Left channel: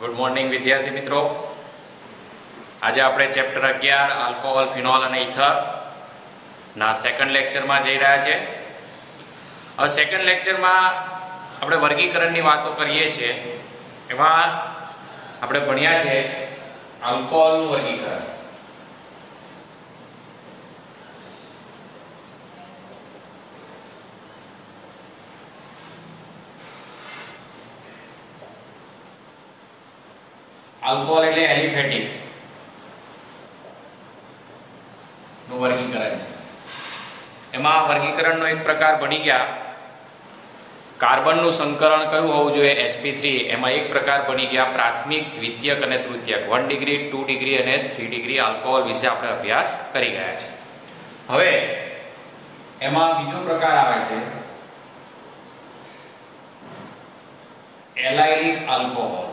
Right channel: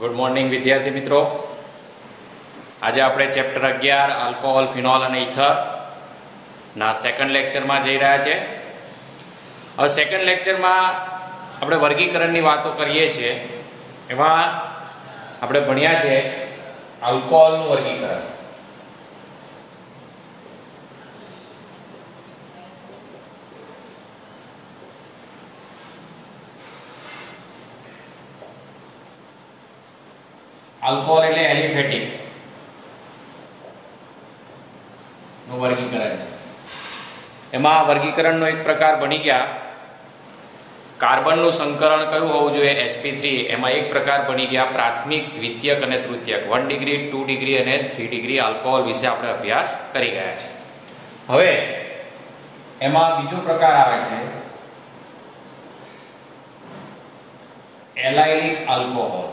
Good morning વિદ્યાર્થી મિત્રો. આજે આપણે ચેપ્ટર 11 આલ્કોહોલ, ફિનોલ અને ઇથર ના સેકન્ડ લેક્ચરમાં જઈ રહ્યા છે. હવે સેકન્ડ લેક્ચરમાં આપણે વર્ગીકરણની વાતો કરીએ છીએ. એમાં આપણે ભણ્યા છે આલ્કોહોલનું વર્ગીકરણ. આલ્કોહોલ એટલે એલિફેટિક નું વર્ગીકરણ છે. એમાં વર્ગીકરણનો એક પ્રકાર બની ગયા કાર્બનનું સંકરણ કયું હોવું જોઈએ, sp3. એમાં એક પ્રકાર બની ગયા પ્રાથમિક, દ્વિતીયક અને તૃતીયક. 1 ડિગ્રી, 2 ડિગ્રી અને 3 ડિગ્રી આલ્કોહોલ વિશે આપણે અભ્યાસ કરી ગયા છે. હવે એમાં બીજો પ્રકાર આવે છે એલાઇલિક આલ્કોહોલ.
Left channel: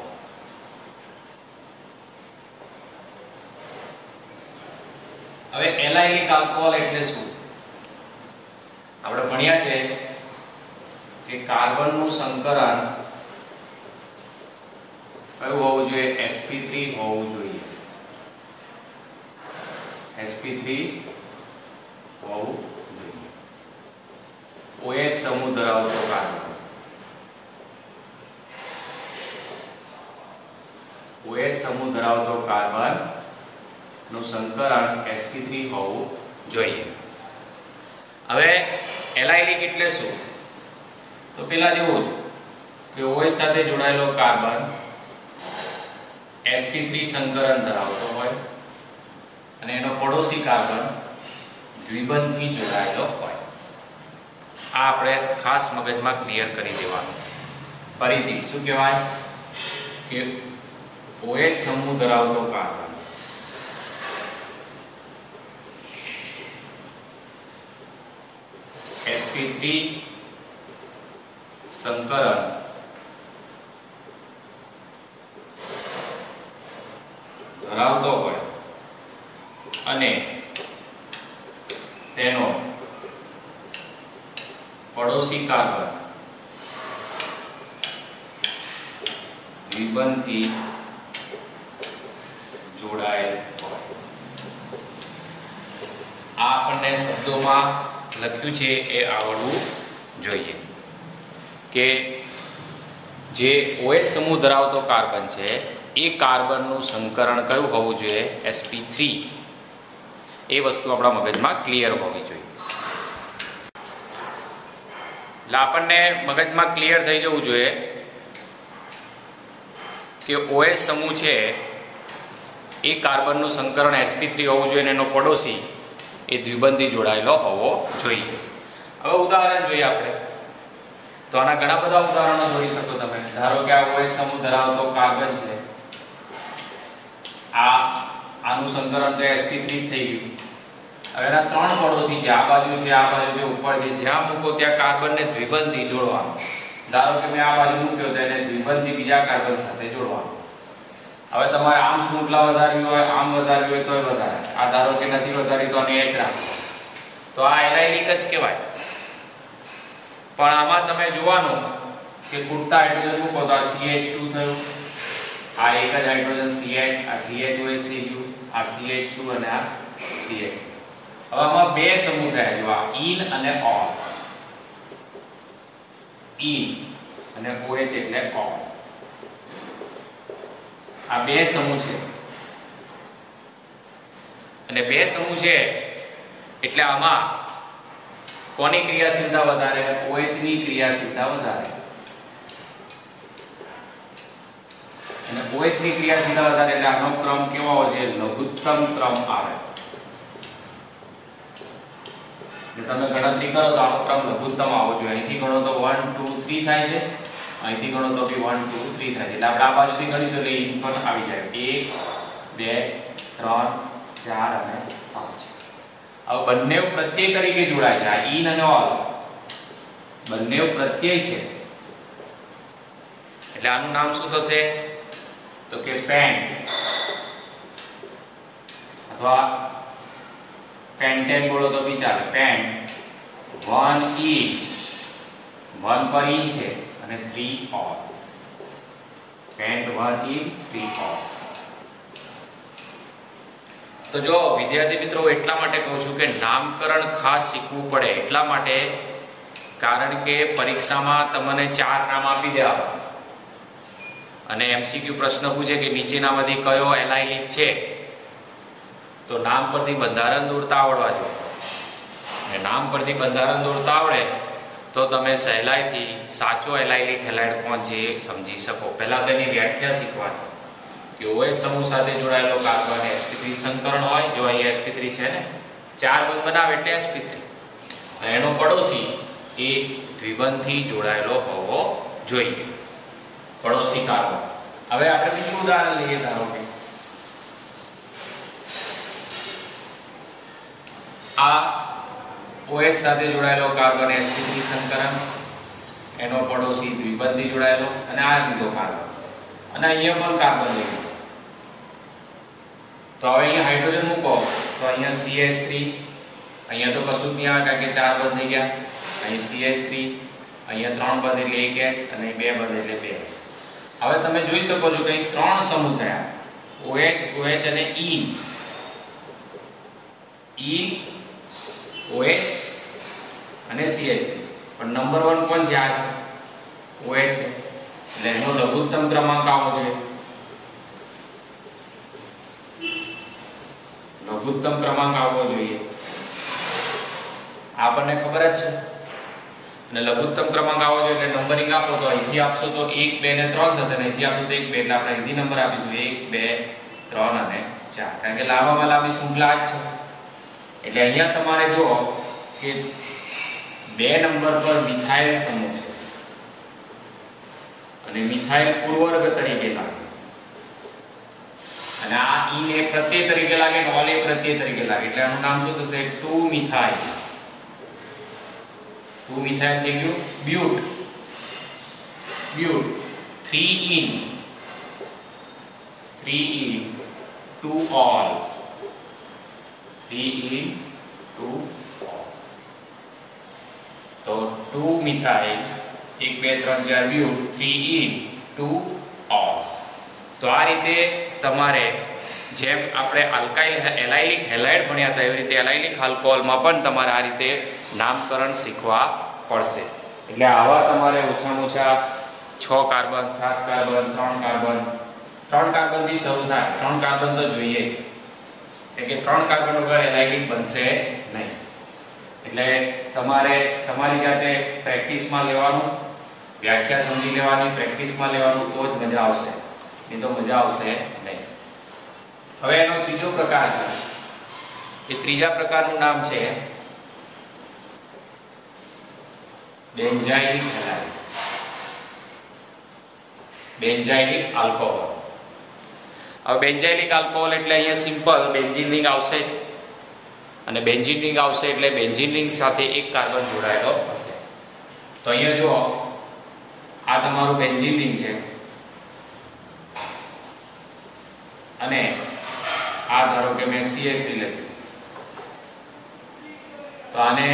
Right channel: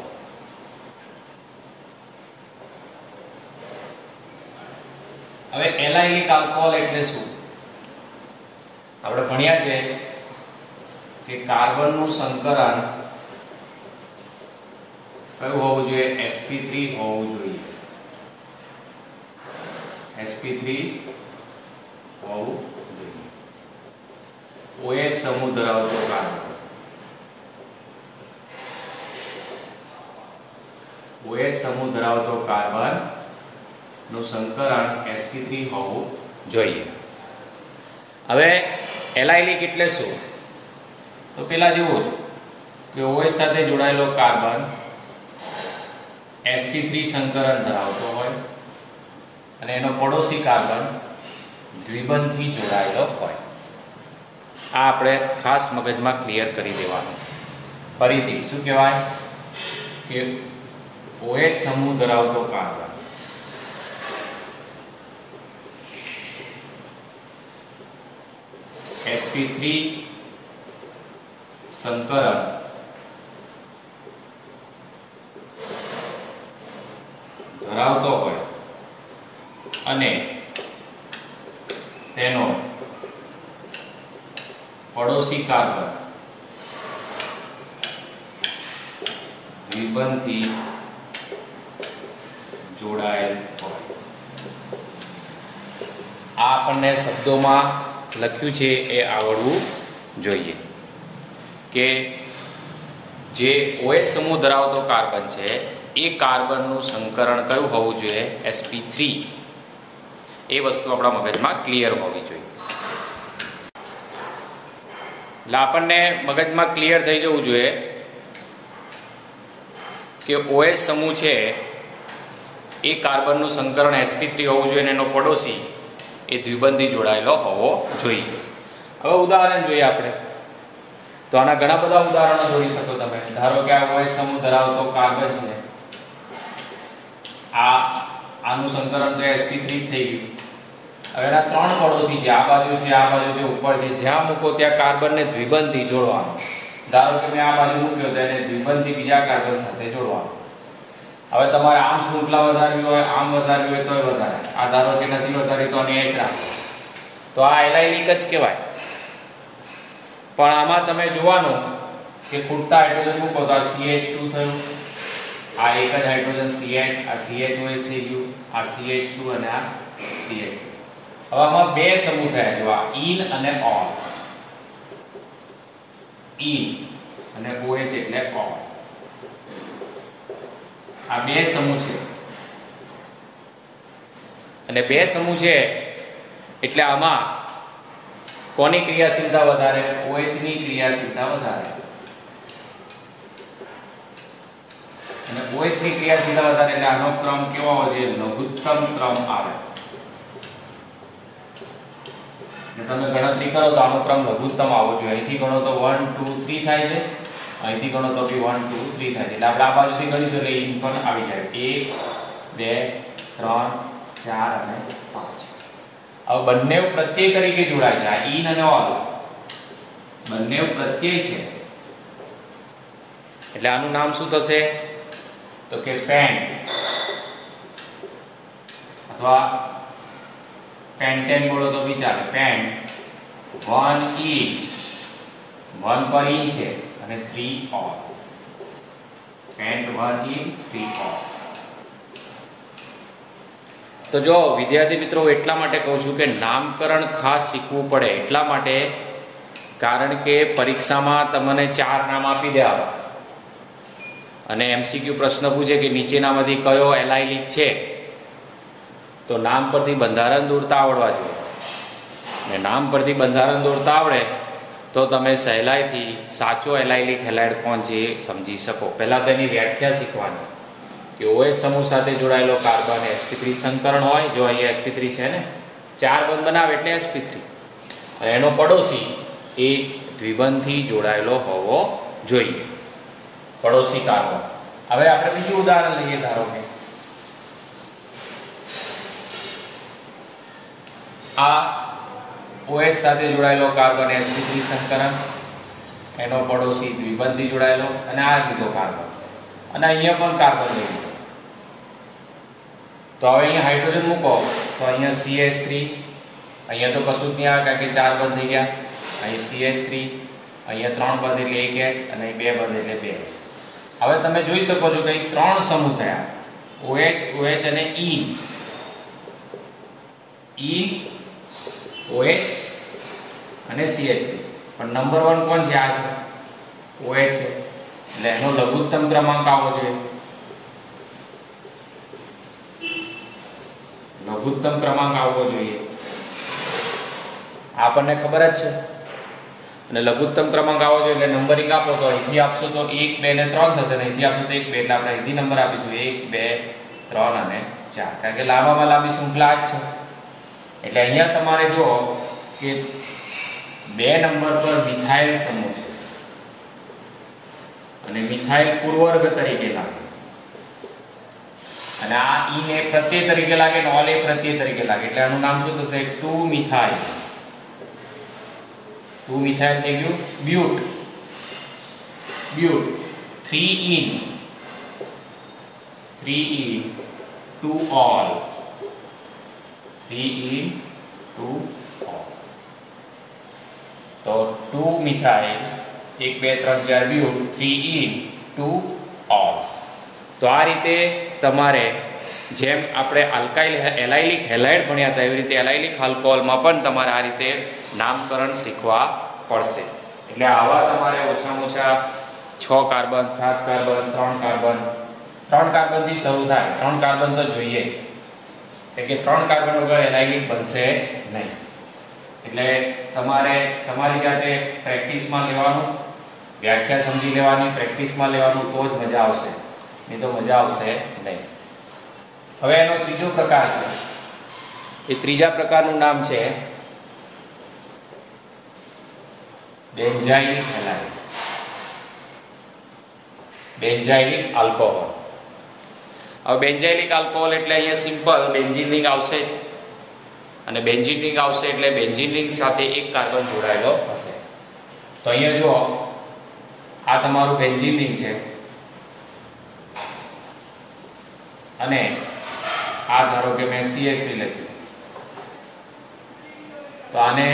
હવે એલાઇલિક આલ્કોહોલ એટલે શું? આપણે ભણ્યા છે કે કાર્બનનું સંકરણ કયું હોવું જોઈએ, sp3 હોવું જોઈએ. sp3 હોવું જોઈએ. OH સમૂહ ધરાવતો કાર્બન, OH સમૂહ ધરાવતો કાર્બન નું સંકરણ sp3 હોવું જોઈએ. હવે એલાઇલિક એટલે શું? તો પેલા જેવું કે OH સાથે જોડાયેલો કાર્બન sp3 સંકરણ ધરાવતો હોય અને એનો પડોશી કાર્બન દ્વિબંધથી જોડાયેલો હોય. આ આપણે ખાસ મગજમાં ક્લિયર કરી દેવાનું. ફરીથી શું કહેવાય કે OH સમૂહ ધરાવતો કાર્બન sp3 સંકરણ ધરાવતો હોય અને તેનો પડોશી કાર્બન દ્વિબંધથી જોડાયેલ હોય. આ આપણને શબ્દોમાં લખ્યું છે એ આવડવું જોઈએ કે જે OH સમૂહ ધરાવતો કાર્બન છે એ કાર્બનનું સંકરણ કયું હોવું જોઈએ, sp3. એ વસ્તુ આપણા મગજમાં ક્લિયર હોવી જોઈએ. એટલે આપણને મગજમાં ક્લિયર થઈ જવું જોઈએ કે OH સમૂહ છે એ કાર્બનનું સંકરણ sp3 હોવું જોઈએ અને એનો પડોશી એ દ્વિબંધી જોડાયેલો હોવો જોઈએ. હવે ઉદાહરણ જોઈએ આપણે તો આના ઘણા બધા ઉદાહરણો જોઈ શકો તમે. ધારો કે આ OH સમૂહ ધરાવતો કાર્બન છે, આનું સંકરણ તો sp3 થઈ ગયું. હવે એના ત્રણ પડોશી છે, આ બાજુ છે, આ બાજુ છે, ઉપર છે. જ્યાં મૂકો ત્યાં કાર્બનને દ્વિબંધી જોડવાનો. ધારો કે મેં આ બાજુ મૂક્યો તો એને દ્વિબંધી બીજા કાર્બન સાથે જોડવાનો. હવે તમારે આમ શૃંખલા વધારવી હોય, આમ વધારવી હોય તોય વધારે. આ ધારો કે નથી વધારી તો આને એક રાખો, તો આ એલાઇલિક જ કહેવાય. પણ આમાં તમે જોવાનું કે ખૂટતા હાઇડ્રોજન મૂકો તો આ CH2 થયું, આ એક જ હાઇડ્રોજન CH, આ CHOH થઈ ગયું, આ CH2 અને આ CH. હવે આમાં બે સમૂહ થયા, જો આ ઇન અને ઓન. ઇન અને OH એટલે ઓન. આ બે સમૂહ છે અને બે સમૂહ છે એટલે આમાં કોની ક્રિયાશીલતા વધારે, OH ની ક્રિયાશીલતા વધારે. અને OH ની ક્રિયાશીલતા વધારે એટલે આનો ક્રમ કેવો આવે છે, લઘુત્તમ ક્રમ આવે. તમે ગણતરી કરો તો આનો ક્રમ લઘુત્તમ આવવો જોઈએ. અહીંથી ગણો તો 1 2 3 થાય છે, અહીંથી ગણો તો 1 2 3 થાય છે. એટલે આપણે આ બાજુથી ગણીશું એટલે ઇન પણ આવી જાય 1 2 3 4 અને 5. હવે બંને પ્રત્યય તરીકે જોડાય છે. આ ઇન અને ઓલ બંને પ્રત્યય છે એટલે આનું નામ શું થશે તો કે પેન્ટ અથવા પેન્ટેન બોલો તો બી ચાલે. પેન્ટ 1 ઇન 1 પર ઇન છે અને 3 ઓલ. and 1 in 3 off. તો જો વિદ્યાર્થી મિત્રો એટલા માટે કહું છું કે નામકરણ ખાસ શીખવું પડે, એટલા માટે કારણ કે પરીક્ષામાં તમને 4 નામ આપી દેવા અને MCQ પ્રશ્ન પૂછે કે નીચેનામાંથી કયો એલાયલિક છે, તો નામ પરથી બંધારણ દોરતા આવડવા જોઈએ. અને નામ પરથી બંધારણ દોરતા આવડે તો તમે સહેલાઈથી સાચો એલાયલિક હેલાઇડ કોણ છે એ સમજી શકો. પહેલા તેની વ્યાખ્યા શીખવાની કે OH સમૂહ સાથે જોડાયેલો કાર્બન sp3 સંકરણ હોય. જો અહીંયા sp3 છે ને, 4 બંધ બનાવે એટલે sp3, અને એનો પડોશી એ દ્વિબંધથી જોડાયેલો હોવો જોઈએ, પડોશી કાર્બન. હવે આપણે બીજું ઉદાહરણ લઈએ. ધારો કે આ OH સાથે જોડાયેલો કાર્બન sp3 સંકરણ, એનો પડોશી દ્વિબંધથી જોડાયેલો, અને આ લીધો કાર્બન, અને અહીંયા પણ કાર્બન લઈ. તો હવે અહીંયા હાઇડ્રોજન મૂકો તો અહીંયા CH3, અહીંયા તો કશું જ નહીં આવે કારણ કે 4 બંધ થઈ ગયા. અહીં CH3, અહીંયા 3 બંધ એટલે 1H, અને 2 બંધ એટલે 2H. હવે તમે જોઈ શકો છો કે 3 સમૂહ થયા, OH, OH અને E, OH અને CH3. પણ નંબર 1 કોણ છે? આ છે OH છે, એટલે એનો લઘુત્તમ ક્રમાંક આવવો જોઈએ. લઘુત્તમ ક્રમાંક આવવો જોઈએ, આપણને ખબર જ છે. અને લઘુત્તમ ક્રમાંક આવવો જોઈએ એટલે નંબરિંગ આપો તો અહીંથી આપશો તો 1, 2 ને 3 થશે, અને અહીંથી આપશો તો 1, 2, એટલે આપણે અહીંથી નંબર આપીશું 1, 2, 3 અને 4, કારણ કે લાંબામાં લાંબી શૃંખલા જ છે. એટલે અહીંયા તમારે જુઓ કે 2 નંબર પર મિથાઇલ સમૂહ છે, અને મિથાઇલ પૂર્વવર્ગ તરીકે લાગે, અને આ ઈન એક પ્રત્યય તરીકે લાગે, અને ઓલ એક પ્રત્યય તરીકે લાગે, એટલે આનું નામ શું થશે? 2 મિથાઇલ. 2 મિથાઇલ થઈ ગયું બ્યુટ. 3 in 2 all. 3 in 2 all. તો 2 મિથાઇલ 1, 2, 3, 4 બ્યુટ, 3 in 2 all. તો આ રીતે તમારે જેમ આપણે આલ્કાઇલ એલાયલિક હેલાઇડ ભણ્યા હતા એવી રીતે એલાયલિક આલ્કોહોલમાં પણ તમારે આ રીતે નામકરણ શીખવા પડશે. એટલે આવા તમારે ઓછામાં ઓછા 6 કાર્બન, 7 કાર્બન, 3 કાર્બન, 3 કાર્બનથી શરૂ થાય. 3 કાર્બન તો જોઈએ જ, એટલે કે 3 કાર્બન વગર એલાયલિક બનશે નહીં. એટલે તમારે તમારી જાતે પ્રેક્ટિસમાં લેવાનું, વ્યાખ્યા સમજી લેવાની, પ્રેક્ટિસમાં લેવાનું, તો જ મજા આવશે, નહીં તો મજા આવશે નહીં. હવે એનો ત્રીજો પ્રકાર છે. એ ત્રીજા પ્રકારનું નામ છે બેન્ઝાઇલિક હેલાઇડ, બેન્ઝાઇલિક આલ્કોહોલ. હવે બેન્ઝાઇલિક આલ્કોહોલ એટલે અહીંયા સિમ્પલ બેન્ઝીન રિંગ આવશે જ, અને બેન્ઝીન રિંગ આવશે એટલે બેન્ઝીન રિંગ સાથે એક કાર્બન જોડાયેલો હશે. તો અહીંયા જો આ તમારું બેન્ઝીન રિંગ છે, અને આ ધારો કે મેં CH3 લખ્યું, તો આને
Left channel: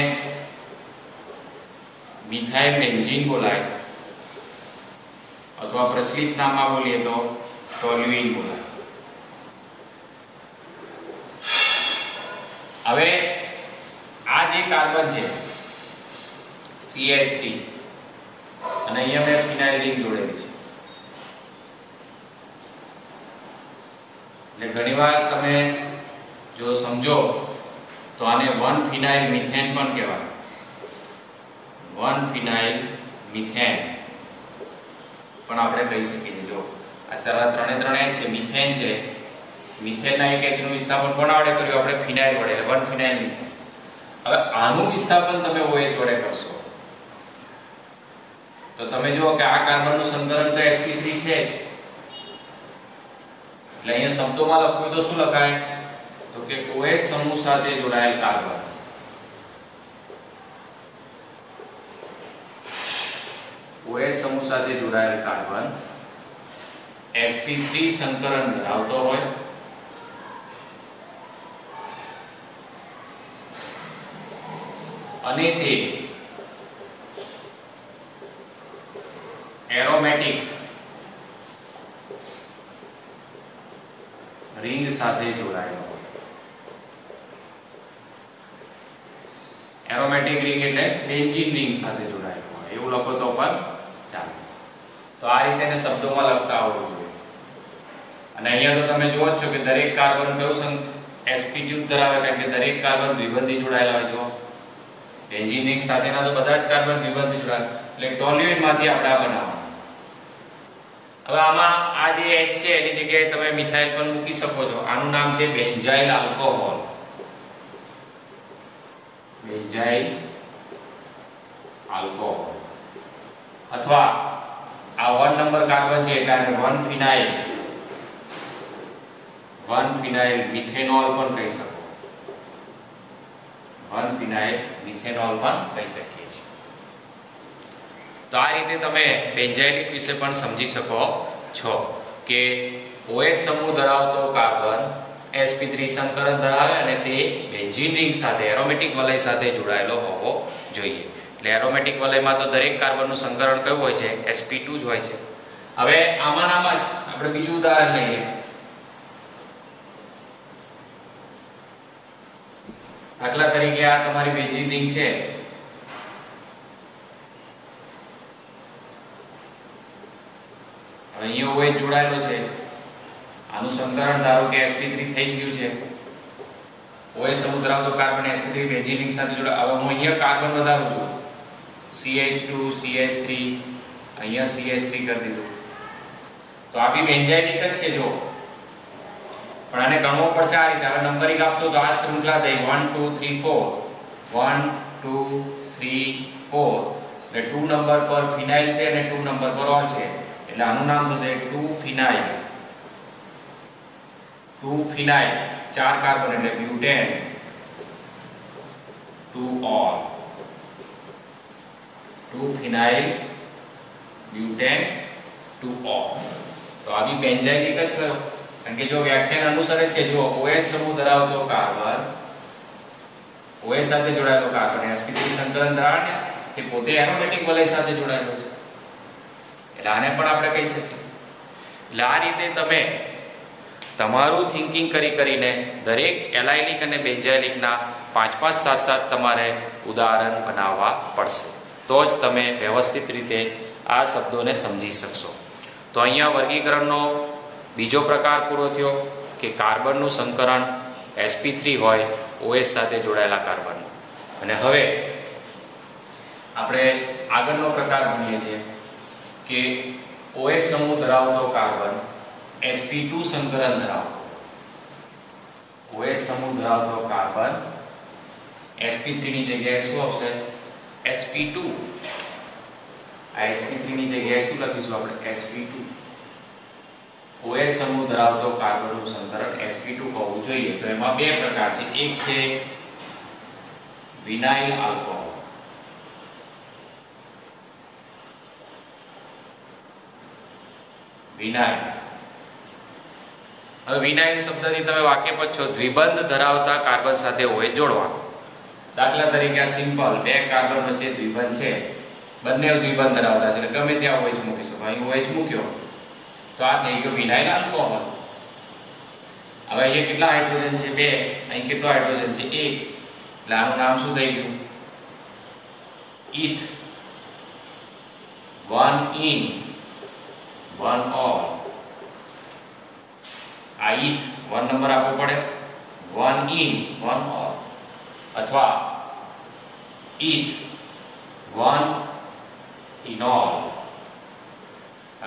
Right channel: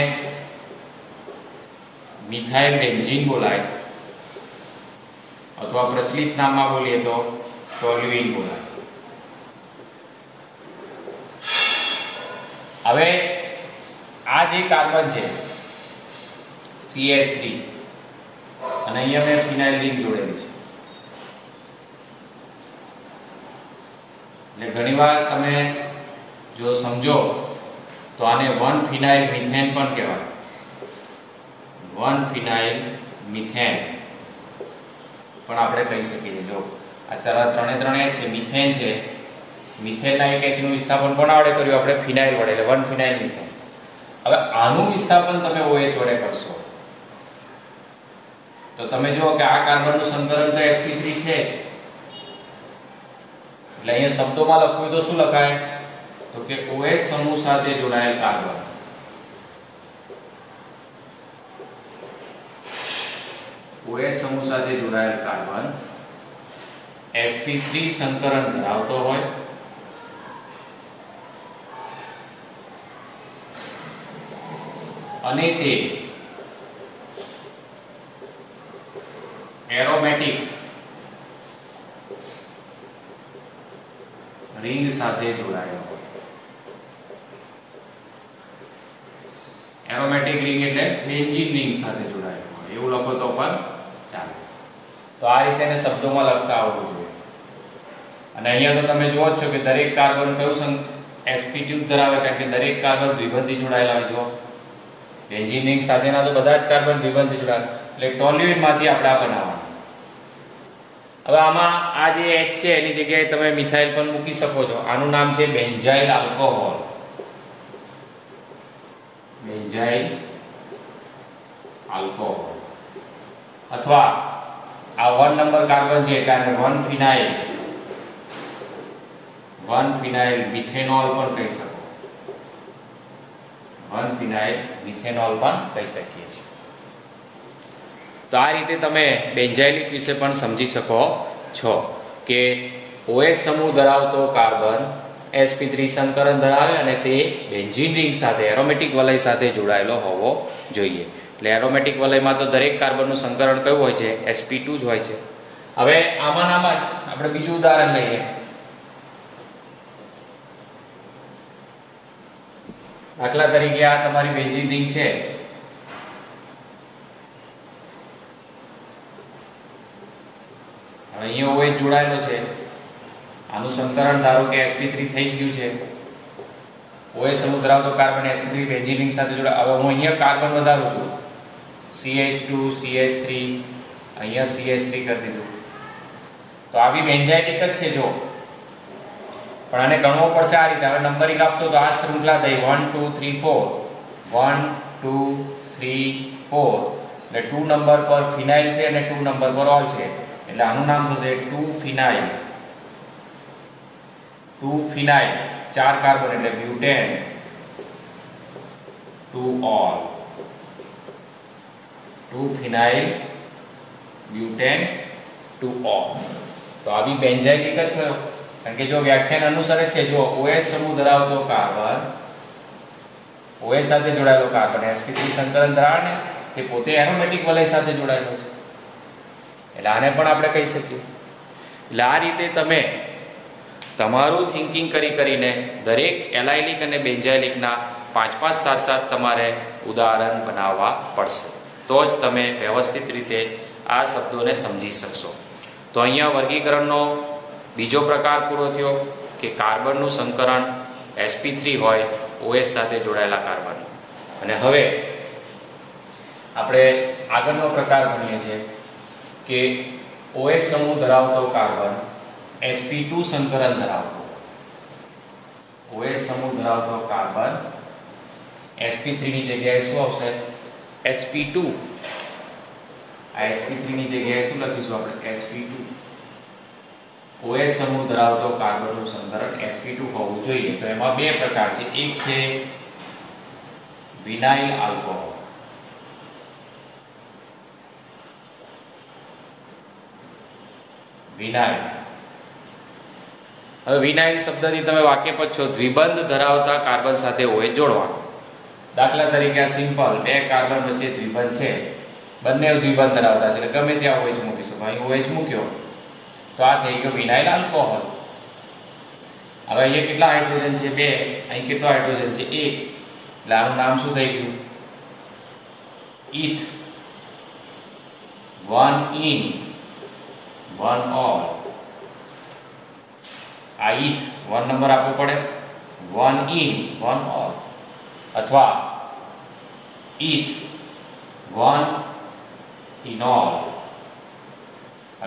મિથાઇલ બેન્ઝીન બોલાય, અથવા પ્રચલિત નામમાં બોલીએ તો ટોલ્યુઇન બોલાય. હવે આ જે કાર્બન છે CH3, અને અહીંયા મેં ફિનાઇલ રિંગ જોડેલી છે. એટલે ઘણીવાર તમે જો સમજો તો આને 1 ફિનાઇલ મિથેન પણ કહેવાય. 1 ફિનાઇલ મિથેન પણ આપણે કહી શકીએ. જો આ ચાલા ત્રણે છે, મિથેન છે, મિથેનના એક H નું વિસ્થાપન કોના વડે કર્યું? આપણે ફિનાઇલ વડે, એટલે 1 ફિનાઇલ મિથેન. હવે આનું વિસ્થાપન તમે OH વડે કરશો તો તમે જુઓ કે આ કાર્બનનું સંકલન તો sp3 છે જ. એટલે અહીંયા શબ્દોમાં લખવું તો શું લખાય? તો કે OH સમૂહ સાથે જોડાયેલ કાર્બન, OH સમૂહ સાથે જોડાયેલ કાર્બન sp3 સંકરણ ધરાવતો હોય અને તે એરોમેટિક રિંગ સાથે જોડાયેલો હોય. એરોમેટિક રિંગ એટલે બેન્ઝીન રિંગ સાથે જોડાયેલો હોય એવું લખો તો પણ ચાલે. તો આ રીતે એને શબ્દોમાં લખતા આવડવું જોઈએ. અને અહીંયા તો તમે જુઓ જ છો કે દરેક કાર્બન કયું sp2 ધરાવે, કારણ કે દરેક કાર્બન દ્વિબંધી જોડાયેલા હોય. જો બેન્ઝીન રિંગ સાથેના તો બધા જ કાર્બન દ્વિબંધી જોડાયેલા, એટલે ટોલ્યુઇન માંથી આપણે આ બનાવવાના. હવે આમાં આ જે H છે એની જગ્યાએ તમે મિથાઇલ પણ મૂકી શકો છો. આનું નામ છે બેન્ઝાઇલ આલ્કોહોલ. Benzyl alcohol. અથવા આ 1 નંબર કાર્બન છે એટલે આને 1 ફિનાઇલ મિથેનોલ પણ કહી શકો. 1 ફિનાઇલ મિથેનોલ પણ કહી શકીએ છીએ. તો આ રીતે તમે બેન્ઝાઇલિક વિશે પણ સમજી શકો છો કે OH સમૂહ ધરાવતો કાર્બન sp3 સંકરણ ધરાવે અને તે બેન્ઝીન રિંગ સાથે એરોમેટિક વલય સાથે જોડાયેલો હોવો જોઈએ. એટલે એરોમેટિક વલયમાં તો દરેક કાર્બનનું સંકરણ કયું હોય છે? sp2 જ હોય છે. હવે આમાં જ આપણે બીજું ઉદાહરણ લઈએ. દાખલા તરીકે આ તમારી બેન્ઝીન રિંગ છે. અહીંયા OH જોડાયેલો છે. આનું સંકરણ ધારો કે sp3 થઈ ગયું છે. OH સમૂહ ધરાવતો કાર્બન sp3 બેન્ઝીન રિંગ સાથે જોડાય. હવે હું અહીંયા કાર્બન વધારું છું, CH2 CH3, અહીંયા CH3 કરી દીધું. તો આ બી બેન્ઝાઇલિક જ છે. જો પણ આને ગણવો પડશે આ રીતે. હવે નંબરિંગ આપશો તો આ શૃંખલા થઈ 1 2 3 4, 1 2 3 4, એટલે 2 નંબર પર ફિનાઇલ છે અને 2 નંબર પર ઓલ છે, એટલે આનું નામ થશે 2 ફિનાઇલ. 2 ફિનાઇલ, 4 કાર્બન એટલે બ્યુટેન 2 ઓલ. 2 ફિનાઇલ બ્યુટેન 2 ઓલ. તો આ બી બેન્ઝાઇલિક જ થયો, કારણ કે જો વ્યાખ્યાન અનુસારે છે, જો OH સમૂહ ધરાવતો કાર્બન, OH સાથે જોડાયેલો કાર્બન sp3 સંકલન ધરાવે ને તે પોતે એરોમેટિક વલય સાથે જોડાયેલો છે, એટલે આને પણ આપણે કહી શકીએ. એટલે આ રીતે તમે તમારું થિંકિંગ કરીને દરેક એલાઇલિક અને બેન્ઝાઇલિકના 5-5 7-7 તમારે ઉદાહરણ બનાવવા પડશે, તો જ તમે વ્યવસ્થિત રીતે આ શબ્દોને સમજી શકશો. તો અહીંયા વર્ગીકરણનો બીજો પ્રકાર પૂરો થયો કે કાર્બનનું સંકરણ sp3 હોય OH સાથે જોડાયેલા કાર્બન. અને હવે આપણે આગળનો પ્રકાર ભણીએ છીએ કે OH સમૂહ ધરાવતો કાર્બન sp2 સંકરણ ધરાવતો. OH સમૂહ ધરાવતો કાર્બન sp3 ની જગ્યાએ શું આવશે? sp2. આ sp3 ની જગ્યાએ શું લખીશું આપણે? sp2. OH સમૂહ ધરાવતો કાર્બનનું સંકરણ sp2 હોવું જોઈએ. તો એમાં બે પ્રકાર છે. એક છે વિનાઇલ આલ્કોહોલ. વિનાઇલ. હવે વિનાઇલ શબ્દથી તમે વાકેફ છો. દ્વિબંધ ધરાવતા કાર્બન સાથે OH જોડવાનો. દાખલા તરીકે આ સિમ્પલ બે કાર્બન વચ્ચે દ્વિબંધ છે, બંને દ્વિબંધ ધરાવતા છે, ગમે ત્યાં OH મૂકીશું. અહીં OH મૂક્યો તો આ થઈ ગયો વિનાઇલ આલ્કોહોલ. હવે અહીંયા કેટલા હાઇડ્રોજન છે? 2. અહીં કેટલો હાઇડ્રોજન છે? 1. એટલે આનું નામ શું થઈ ગયું? ઈથ. 1 in 1 all. આ ઈથ 1 નંબર આપવો પડે, 1 in 1 all, અથવા ઈથ 1 ઇનોલ.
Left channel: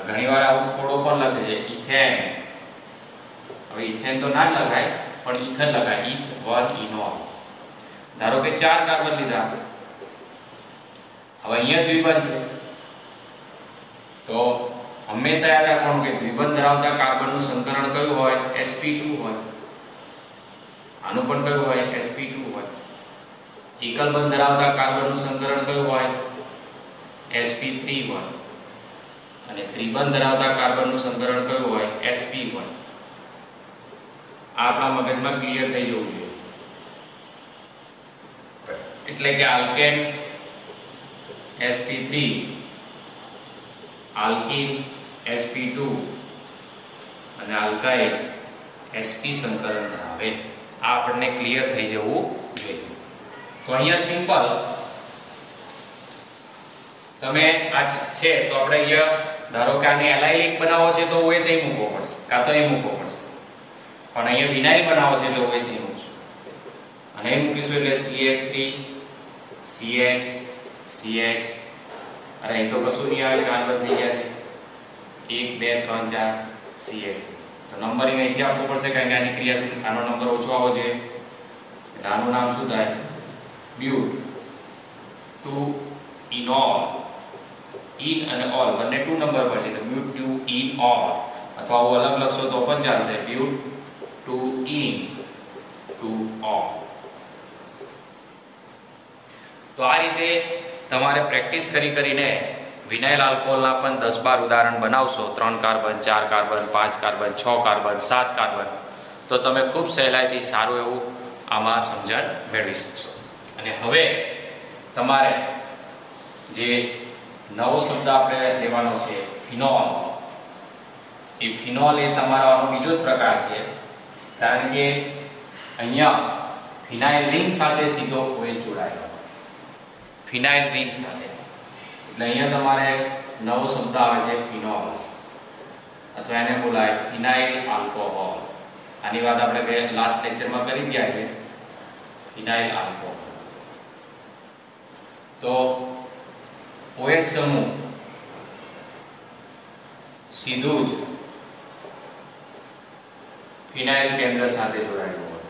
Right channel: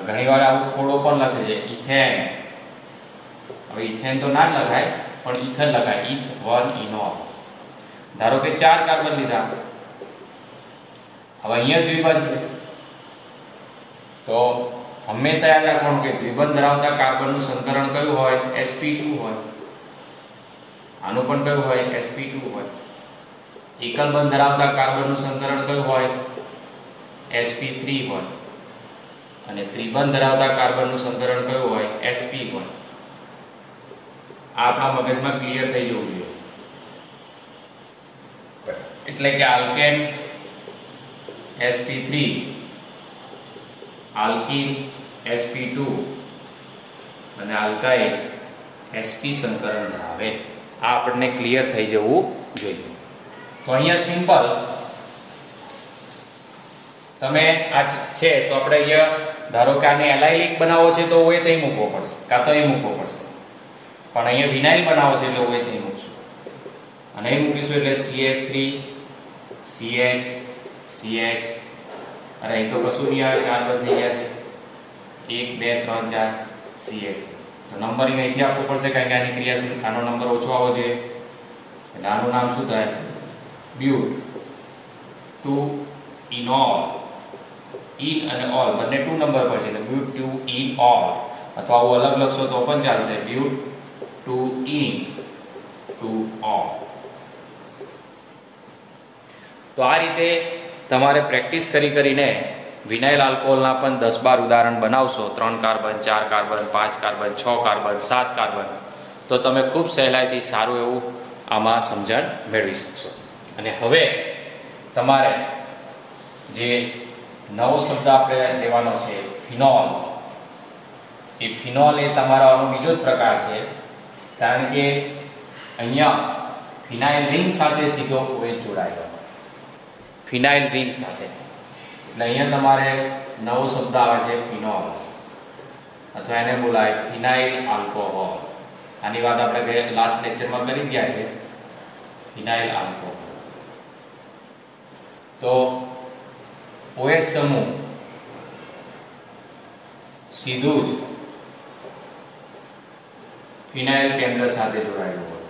ઘણી વાર આવું થોડો પણ લખે છે ઇથેન. હવે ઇથેન તો ના જ લખાય, પણ ઇથન લખાય. ઈથ 1 ઇનોલ. ધારો કે 4 કાર્બન લીધા. હવે અહીંયા દ્વિબંધ છે, તો હંમેશા યાદ રાખવાનું કે દ્વિબંધ ધરાવતા કાર્બનનું સંકરણ કયું હોય? sp2 હોય. આનું પણ કયું હોય? sp2 હોય. એકલ બંધ ધરાવતા કાર્બનનું સંકરણ કયું હોય? sp3 હોય. અને ત્રિબંધ ધરાવતા કાર્બનનું સંકરણ કયું હોય? sp હોય. આ આપણા મગજમાં ક્લિયર થઈ જવું જોઈએ. એટલે કે આલ્કેન sp3, આલ્કીન sp2 અને આલ્કાઇલ sp સંકરણ ધરાવે. આ આપણને ક્લિયર થઈ જવું જોઈએ. તો અહીંયા સિમ્પલ તમે આ છે તો આપણે અહીંયા ધારો કે આને એલાઇલિક બનાવો છે તો OH અહીં મૂકવો પડશે કાં તો અહીં મૂકવો પડશે, પણ અહીંયા વિનાઇલ બનાવો છે એટલે OH અહીં મૂકશું અને અહીં મૂકીશું એટલે CH3 CH CH અને અહીં તો કશું નહીં આવે, 4 બંધ થઈ ગયા છે, 1 2 3 4 CH3. તો નંબરિંગ અહીંથી આપવું પડશે કારણ કે આની ક્રિયાશીલ આનો નંબર ઓછો આવવો જોઈએ એટલે આનું નામ શું થાય? બ્યુટ. 2 ઇનોલ. ઇન અને ઓલ બંને 2 નંબર પર છે એટલે બ્યુટ 2 ઇન ઓલ, અથવા આવું અલગ લખશો તો પણ ચાલશે, બ્યુટ 2 ઇન 2 ઓલ. તો આ રીતે તમારે પ્રેક્ટિસ કરીને વિનાઇલ આલ્કોહોલના પણ 10-12 ઉદાહરણ બનાવશો, 3 carbon 4 carbon 5 carbon 6 carbon 7 carbon, તો તમે ખૂબ સહેલાઈથી સારું એવું આમાં સમજણ મેળવી શકશો. અને હવે તમારે જે નવો શબ્દ આપણે લેવાનો છે ફિનોલ. એ ફિનોલ એ તમારો આનો બીજો જ પ્રકાર છે, કારણ કે અહીંયા ફિનાઇલ રિંગ સાથે સીધો OH જોડાયેલો, ફિનાઇલ રિંગ સાથે, એટલે અહીંયા તમારે નવો શબ્દ આવે છે ફિનોલ, અથવા એને બોલાય ફિનાઇલ આલ્કોહોલ. આની વાત આપણે લાસ્ટ લેક્ચરમાં કરી ગયા છે, ફિનાઇલ આલ્કોહોલ. તો OH સમૂહ સીધું જ ફિનાઇલ કેન્દ્ર સાથે જોડાયેલું હોય.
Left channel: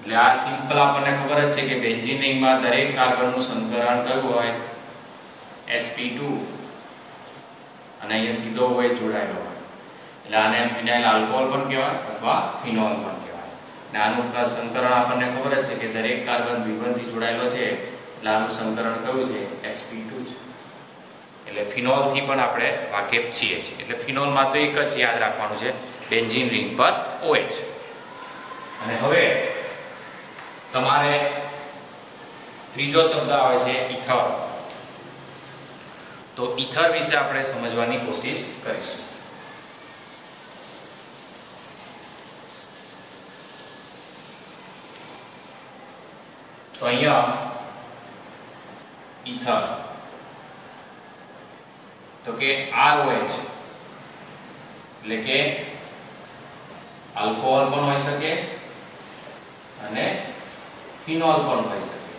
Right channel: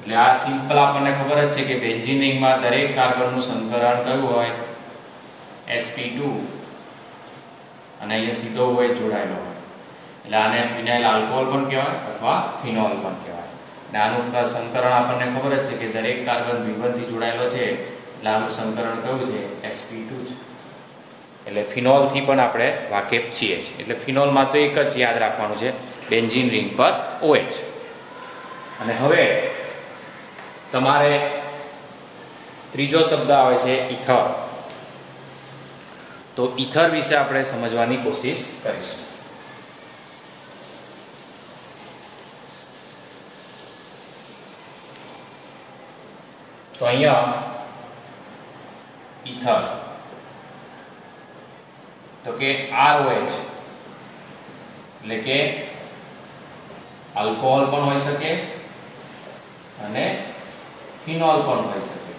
એટલે આ સિમ્પલ આપણને ખબર જ છે કે બેન્ઝીન રિંગમાં દરેક કાર્બનનું સંકરણ કયું હોય? sp2, અને અહીંયા સીધો OH જોડાયેલો હોય એટલે આને ફિનાઇલ આલ્કોહોલ પણ કહેવાય અથવા ફિનોલ પણ કહેવાય. આનું સંકરણ આપણને ખબર જ છે કે દરેક કાર્બન દ્વિબંધથી જોડાયેલો છે એટલે આનું સંકરણ કયું છે? sp2 છે. એટલે ફિનોલ થી પણ આપણે વાકેફ છીએ. એટલે ફિનોલમાં તો એક જ યાદ રાખવાનું છે, બેન્ઝીન રિંગ પર OH. અને હવે તમારે ત્રીજો શબ્દ આવે છે ઇથર. તો ઇથર વિશે આપણે સમજવાની કોશિશ કરીશું. તો અહીંયા ઇથર તો કે ROH એટલે કે આલ્કોહોલ પણ હોઈ શકે અને ફિનોલ પણ હોઈ શકે.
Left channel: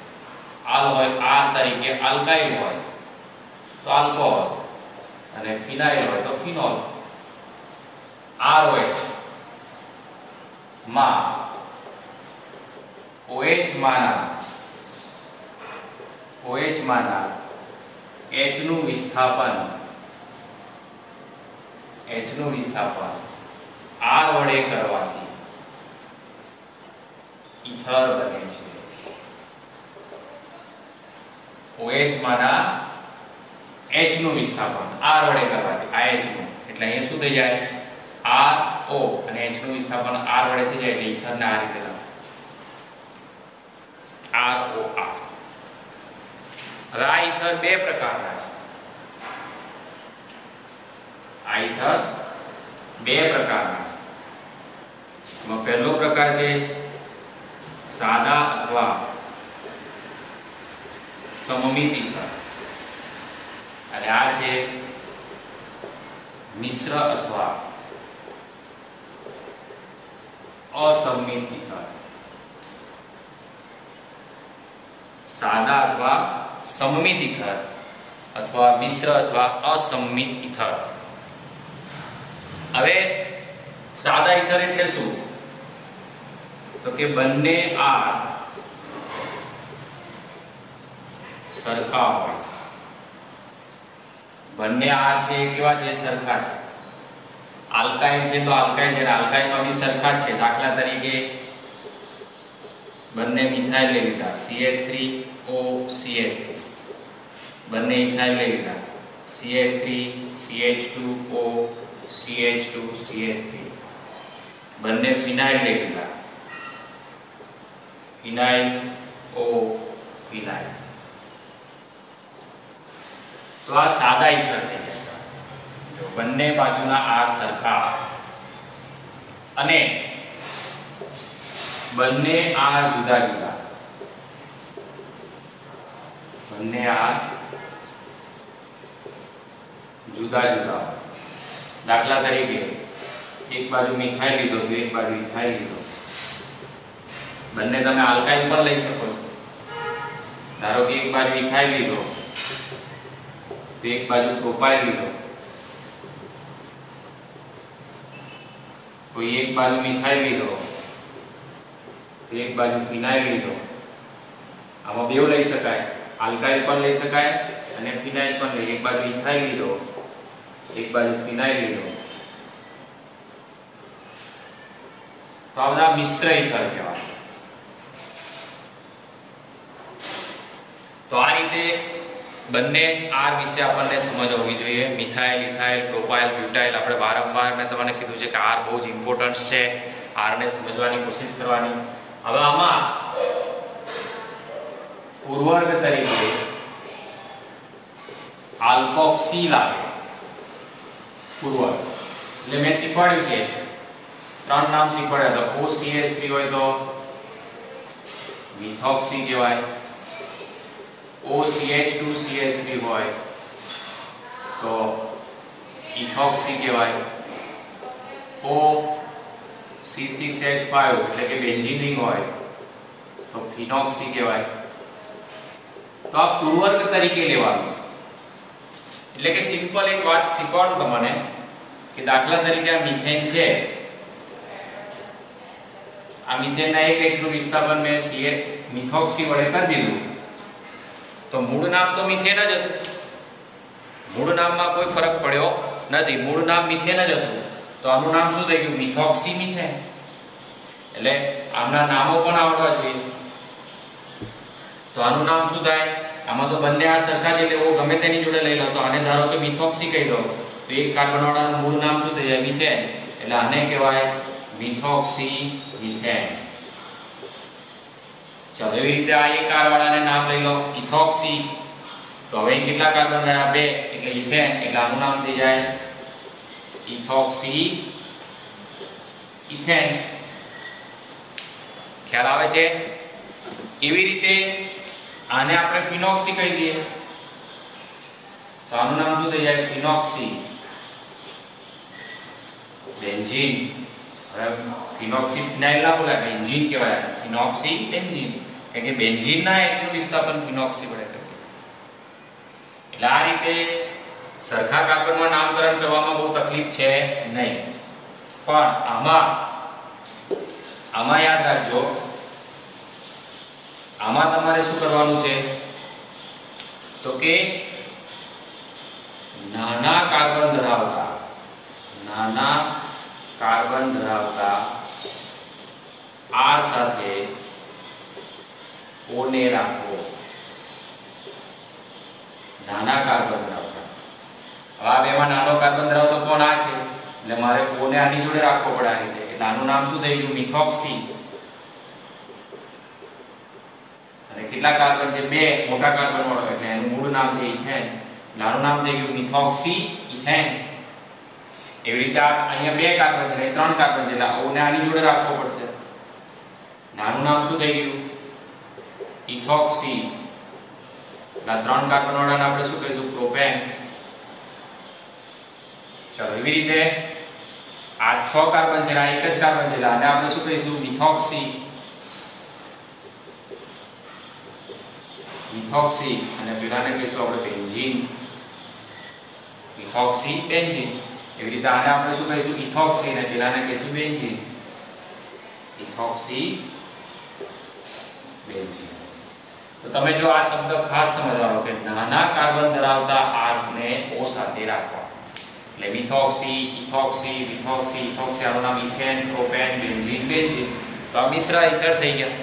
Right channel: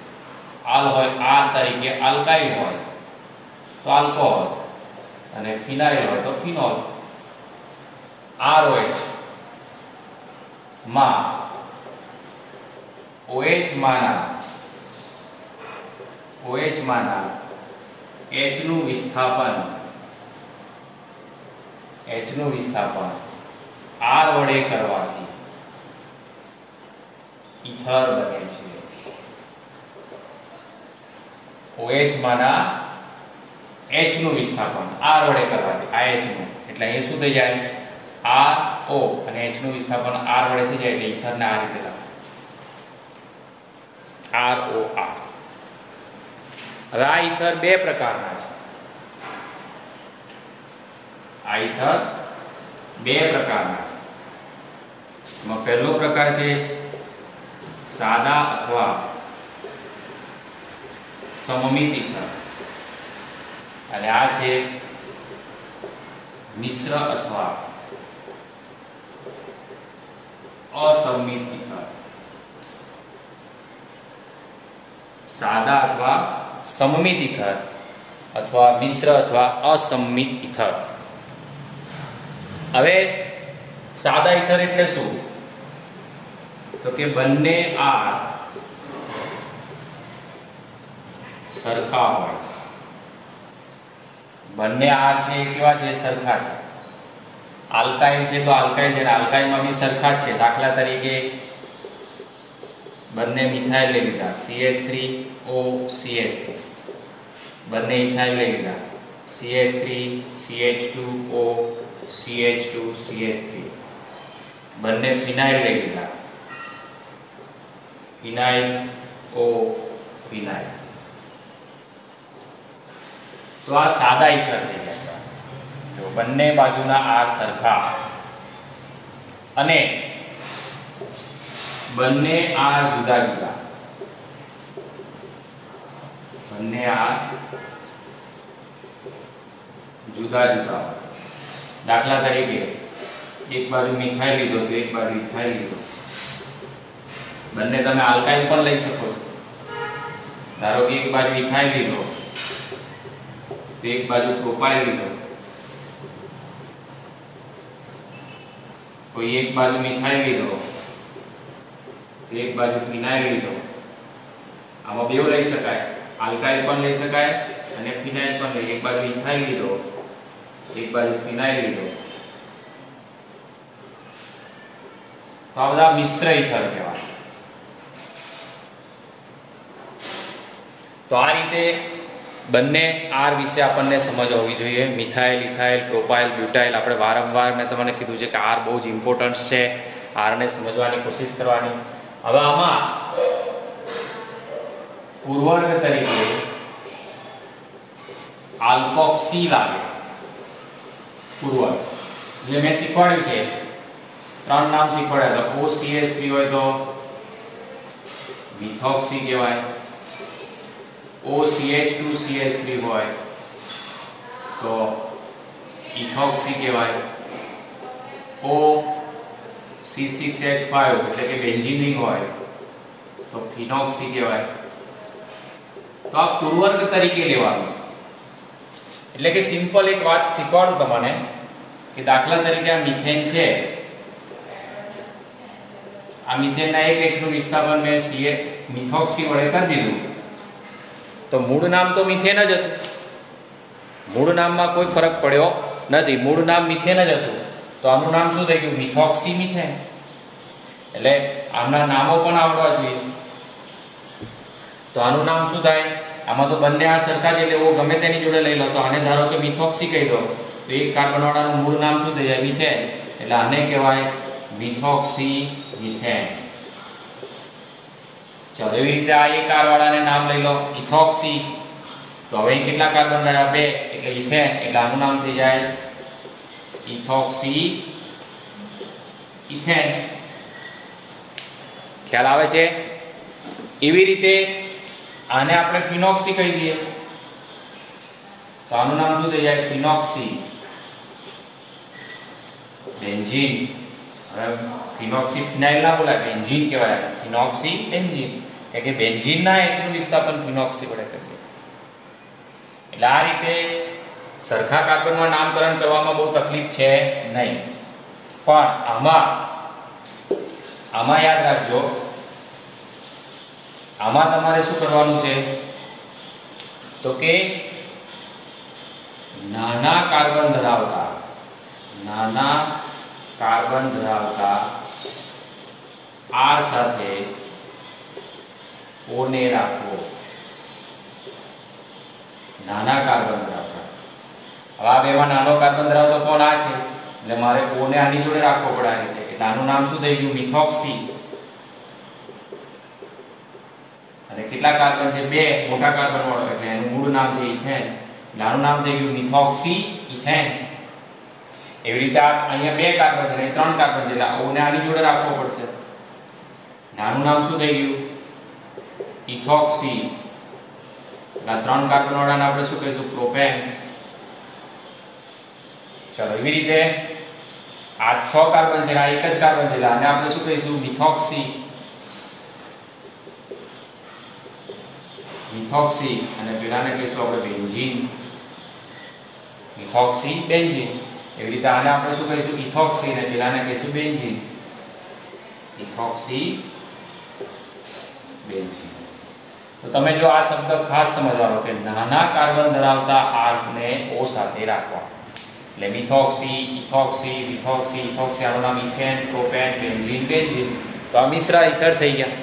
આલ હોય R તરીકે આલ્કાઇલ હોય તો આલ્કોહોલ, અને ફિનાઇલ હોય તો ફિનોલ. ROH માં OH માના H નું વિસ્થાપન R વડે કરવાથી ઇથર બને છે. OH માના H નું વિસ્થાપન R વડે કરવાથી, આ H નું, એટલે અહીંયા શું થઈ જાય? RO, અને H નું વિસ્થાપન R વડે થઈ જાય એટલે ઇથરને આ રીતે લખાય ROR. હવે આ ઇથર બે પ્રકારના છે. આ ઇથર બે પ્રકારના છે. એમાં પહેલો પ્રકાર છે સાદા અથવા સમમિત ઇથર, અને આ છે મિશ્ર અથવા અસમમિત ઇથર. સાદા અથવા સમમિત ઇથર અથવા મિશ્ર અથવા અસમમિત ઇથર. હવે સાદા ઇથર એટલે શું? તો કે બંને R સરખા હોય છે. બંને R છે કેવા છે? સરખા છે. આલ્કાઇલ છે તો આલ્કાઇલ છે, આલ્કાઇલમાં બી સરખા જ છે. દાખલા તરીકે બંને મિથાઇલ લઈ લીધા, CH3O CH3, બંને ઇથાઇલ લઈ લીધા, CH3 CH2O CH2 CH3, બંને ફિનાઇલ લઈ લીધા, ફિનાઇલ O ફિનાઇલ. તો આ સાદા ઇથર થઈ ગયા. જો બંને બાજુના આર સરખા અને બંને આર જુદા જુદા, બંને આર જુદા જુદા. દાખલા તરીકે એક બાજુ મિથાઇલ લીધો તો એક બાજુ ઇથાઇલ લીધો. બંને તમે આલ્કાઇલ પણ લઈ શકો છો. ધારો કે એક બાજુ ઇથાઇલ લીધો તો એક બાજુ પ્રોપાઇલ લીધો, કોઈ એક બાજુ મિથાઇલ લીધો તો એક બાજુ ફિનાઇલ લીધો. આમાં બેવ લઈ શકાય, આલ્કાઇલ પણ લઈ શકાય અને ફિનાઇલ પણ લઈ. એક બાજુ ઇથાઇલ લીધો એક બાજુ ફિનાઇલ લીધો તો આ બધા મિશ્ર ઇથર કહેવાય. તો આ રીતે બંને આર વિશે આપણને સમજ હોવી જોઈએ. Methyl, ethyl, propyl, butyl. આપણે વારંવાર મેં તમને કીધું છે કે આર બહુ જ ઇમ્પોર્ટન્ટ છે. આરને સમજવાની કોશિશ કરવાની. હવે આમાં પૂર્વર્ગ તરીકે આલ્કોક્સી લાગે. પૂર્વર્ગ એટલે મેં શીખવાડ્યું છે, 3 નામ શીખવાડ્યા. તો OCH3 હોય તો મિથોક્સી કહેવાય, OCH2CH3 હોય તો ઇથોક્સી કહેવાય, OC6H5 એટલે કે બેન્ઝીન હોય તો ફિનોક્સી કહેવાય. તો આ પૂર્વર્ગ તરીકે લેવાનું. એટલે કે સિમ્પલ એક વાત શીખવાડું તમને કે દાખલા તરીકે આ મિથેન છે. આ મિથેનના એક H નું વિસ્થાપન મેં મિથોક્સી વડે કરી દીધું તો મૂળ નામ તો મિથેન જ હતું. મૂળ નામમાં કોઈ ફરક પડ્યો નથી. મૂળ નામ મિથેન જ હતું. તો આનું નામ શું થઈ ગયું? Methoxy methane. એટલે આમના નામો પણ આવડવા જોઈએ. તો આનું નામ શું થાય? આમાં તો બંને આ સરખા જ એટલે ગમે તેની જોડે લઈ લો. તો આને ધારો કે મિથોક્સી કહી દો તો એક કાર્બન વાળાનું મૂળ નામ શું થઈ જાય? મિથેન. એટલે આને કહેવાય મિથોક્સી મિથેન. ચાલો એવી રીતે આ એક આર વાળાને નામ લઈ લો ઇથોક્સી. તો હવે કેટલા કાર્બન રહ્યા? 2 એટલે ઇથેન. એટલે આનું નામ થઈ જાય ઇથોક્સી ઇથેન. ખ્યાલ આવે છે? એવી રીતે આને આપણે ફિનોક્સી કહી દઈએ તો આનું નામ શું થઈ જાય? ફિનોક્સી બેન્ઝીન. હવે ફિનોક્સી ફિનાઇલ ના બોલાય, બેન્ઝીન કહેવાય. ફિનોક્સી બેન્ઝીન એટલે કે બેન્ઝીનના H નું વિસ્થાપન ફિનોક્સી વડે કરીએ. એટલે આ રીતે સરખા કાર્બનમાં નામકરણ કરવામાં બહુ તકલીફ છે નહીં. પણ આમાં યાદ રાખજો, આમાં તમારે શું કરવાનું છે? તો કે નાના કાર્બન ધરાવતા આર સાથે O ને રાખવો. નાના કાર્બન ધરાવતા. હવે આ બેમાં નાનો કાર્બન ધરાવતો કોણ? આ છે. એટલે મારે O ને આની જોડે રાખવો પડે આ રીતે. નાનું નામ શું થઈ ગયું? મિથોક્સી. અને કેટલા કાર્બન છે? 2 મોટા કાર્બન વાળો એટલે એનું મૂળ નામ છે ઇથેન. નાનું નામ થઈ ગયું મિથોક્સી ઇથેન. એવી રીતે અહીંયા 2 કાર્બન છે, 3 કાર્બન છે એટલે O ને આની જોડે રાખવો પડશે. નાનું નામ શું થઈ ગયું? ઇથોક્સી. એટલે 3 કાર્બન વાળાને આપણે શું કહીશું? પ્રોપેન. ચાલો એવી રીતે આ 6 કાર્બન છે, આ એક જ કાર્બન છે એટલે આને આપણે શું કહીશું? મિથોક્સી. મિથોક્સી. અને પેલાને કહીશું આપણે બેન્ઝીન. Methoxy benzene. એવી રીતે આને આપણે શું કહીશું? ઇથોક્સી. અને પેલાને કહીશું બેન્ઝીન. Ethoxy benzene. તો તમે જો આ શબ્દ ખાસ સમજવાનો કે નાના કાર્બન ધરાવતા આર્સ ને O સાથે રાખવા. એટલે મિથોક્સી, ઇથોક્સી, મિથોક્સી, ઇથોક્સી. આનું નામ ઇથેન, પ્રોપેન, બેન્ઝીન, બેન્ઝીન. તો આ મિશ્ર ઇથર થઈ ગયા.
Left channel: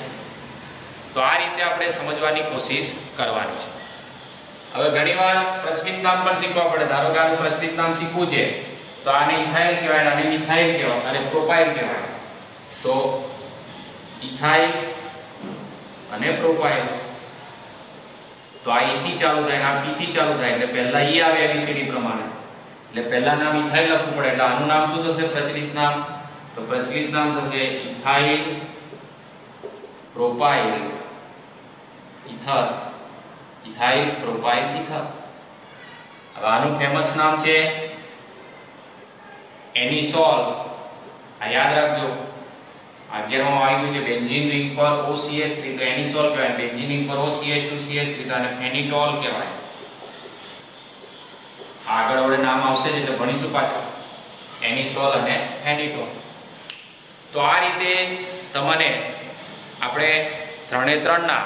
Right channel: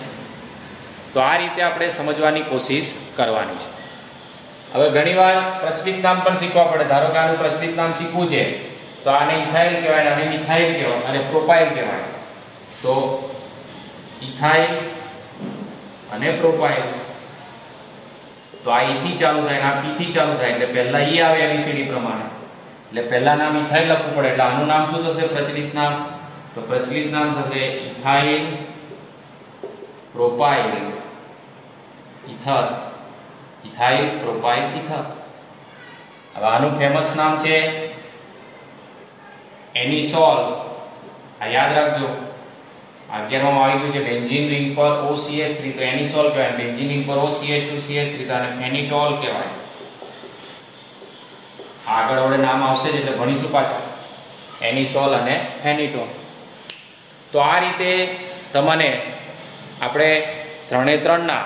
તો આ રીતે આપણે સમજવાની કોશિશ કરવાની છે. હવે ઘણીવાર પ્રચલિત નામ પણ શીખવા પડે. ધારો કે આનું પ્રચલિત નામ શીખવું છે તો આને ઇથાઇલ કહેવાય, આને મિથાઇલ કહેવાય અને પ્રોપાઇલ કહેવાય. તો ઇથાઇલ અને પ્રોપાઇલ. તો આ E થી ચાલુ થાય અને આ P થી ચાલુ થાય એટલે પહેલા E આવે ABCD પ્રમાણે. એટલે પહેલા નામ ઇથાઇલ લખવું પડે, એટલે આનું નામ શું થશે? પ્રચલિત નામ. તો પ્રચલિત નામ થશે ethyl propyl ether. Ethyl propyl ether. હવે આનું ફેમસ નામ છે એનિસોલ. આ યાદ રાખજો, 11 માં આવી ગયું છે બેન્ઝીન રિંગ પર OCH3, તો એનિસોલ કહેવાય. બેન્ઝીન રિંગ પર OCH2 CH3 તો આને ફેનિટોલ કહેવાય. આગળ હવે નામ આવશે એટલે ભણીશું પાછું એનિસોલ અને ફેનિટોલ. તો આ રીતે તમને આપણે 3 ના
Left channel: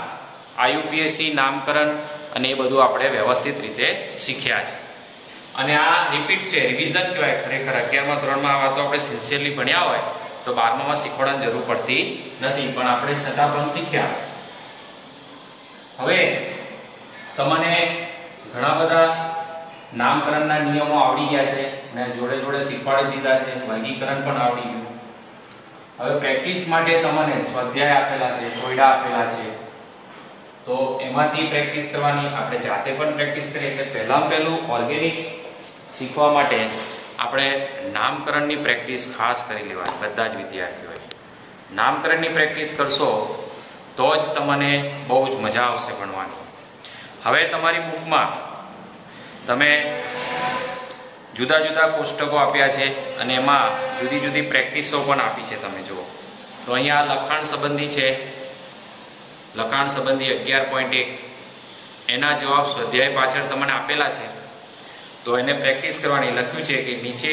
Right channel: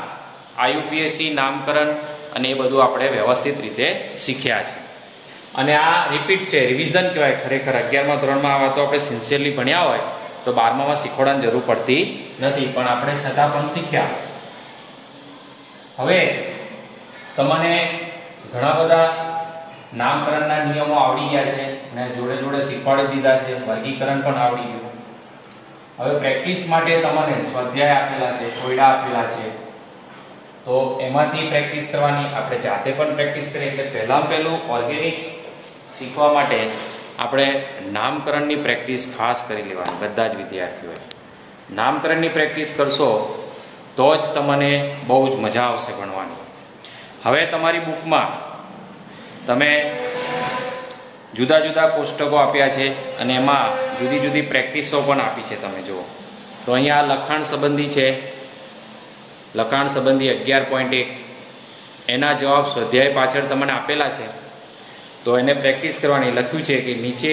IUPAC નામકરણ અને એ બધું આપણે વ્યવસ્થિત રીતે શીખ્યા છે. અને આ રિપીટ છે, રિવિઝન કહેવાય. ખરેખર 11મા ધોરણમાં આ વાતો આપણે સિન્સિયરલી ભણ્યા હોય તો 12માં શીખવાડવાની જરૂર પડતી નથી, પણ આપણે છતાં પણ શીખ્યા. હવે તમને ઘણા બધા નામકરણના નિયમો આવડી ગયા છે અને જોડે જોડે શીખવાડી દીધા છે, વર્ગીકરણ પણ આવડી ગયું. હવે પ્રેક્ટિસ માટે તમને સ્વાધ્યાય આપેલા છે, કોયડા આપેલા છે, તો એમાંથી પ્રેક્ટિસ કરવાની. આપણે જાતે પણ પ્રેક્ટિસ કરીએ. એટલે પહેલું ઓર્ગેનિક શીખવા માટે આપણે નામકરણની પ્રેક્ટિસ ખાસ કરી લેવાની. બધા જ વિદ્યાર્થીઓએ નામકરણની પ્રેક્ટિસ કરશો તો જ તમને બહુ જ મજા આવશે ભણવાની. હવે તમારી બુકમાં તમે જુદા જુદા કોષ્ટકો આપ્યા છે અને એમાં જુદી જુદી પ્રેક્ટિસો પણ આપી છે. તમે જુઓ તો અહીંયા લખાણ સંબંધી છે, લખાણ સંબંધી 11.1 એના જવાબ સ્વાધ્યાય પાછળ તમને આપેલા છે. તો એને પ્રેક્ટિસ કરવાની. લખ્યું છે કે નીચે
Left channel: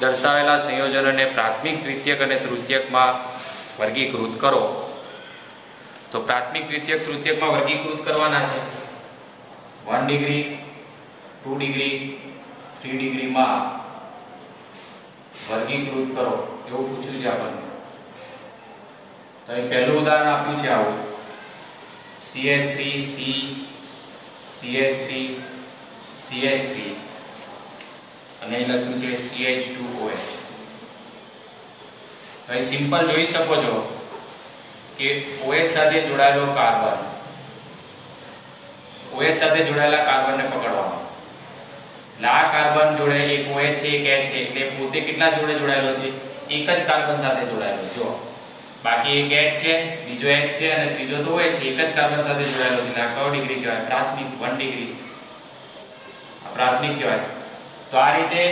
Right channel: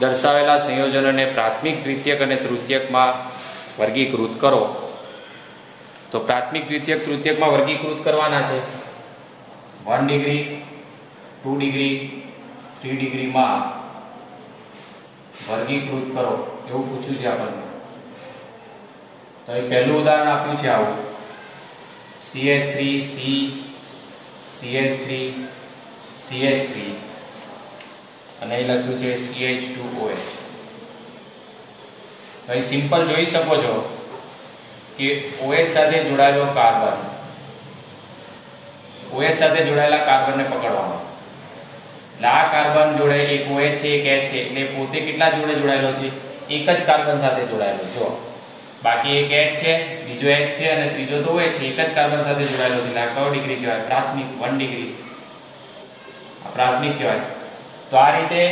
દર્શાવેલા સંયોજનોને પ્રાથમિક, દ્વિતીયક અને તૃતીયકમાં વર્ગીકૃત કરો. તો પ્રાથમિક, દ્વિતીયક, તૃતીયકમાં વર્ગીકૃત કરવાના છે. 1 ડિગ્રી, 2 ડિગ્રી, 3 ડિગ્રીમાં વર્ગીકૃત કરો એવું પૂછ્યું છે આપણને. તો એ પહેલું ઉદાહરણ આપ્યું છે આવું CH3 C CH3 CH3 અને એ લખ્યું છે CH2OH. તો એ સિમ્પલ જોઈ શકો છો કે OH સાથે જોડાયેલો કાર્બન, OH સાથે જોડાયેલા કાર્બનને પકડવાનો. એટલે આ કાર્બન જોડે એક OH છે, એક H છે, એટલે પોતે કેટલા જોડે જોડાયેલો છે? એક જ કાર્બન સાથે જોડાયેલો. જો બાકી એક H છે, બીજો H છે અને ત્રીજો તો OH છે, એક જ કાર્બન સાથે જોડાયેલો છે. આ કયો ડિગ્રી કહેવાય? પ્રાથમિક. 1 ડિગ્રી આ પ્રાથમિક કહેવાય. તો આ રીતે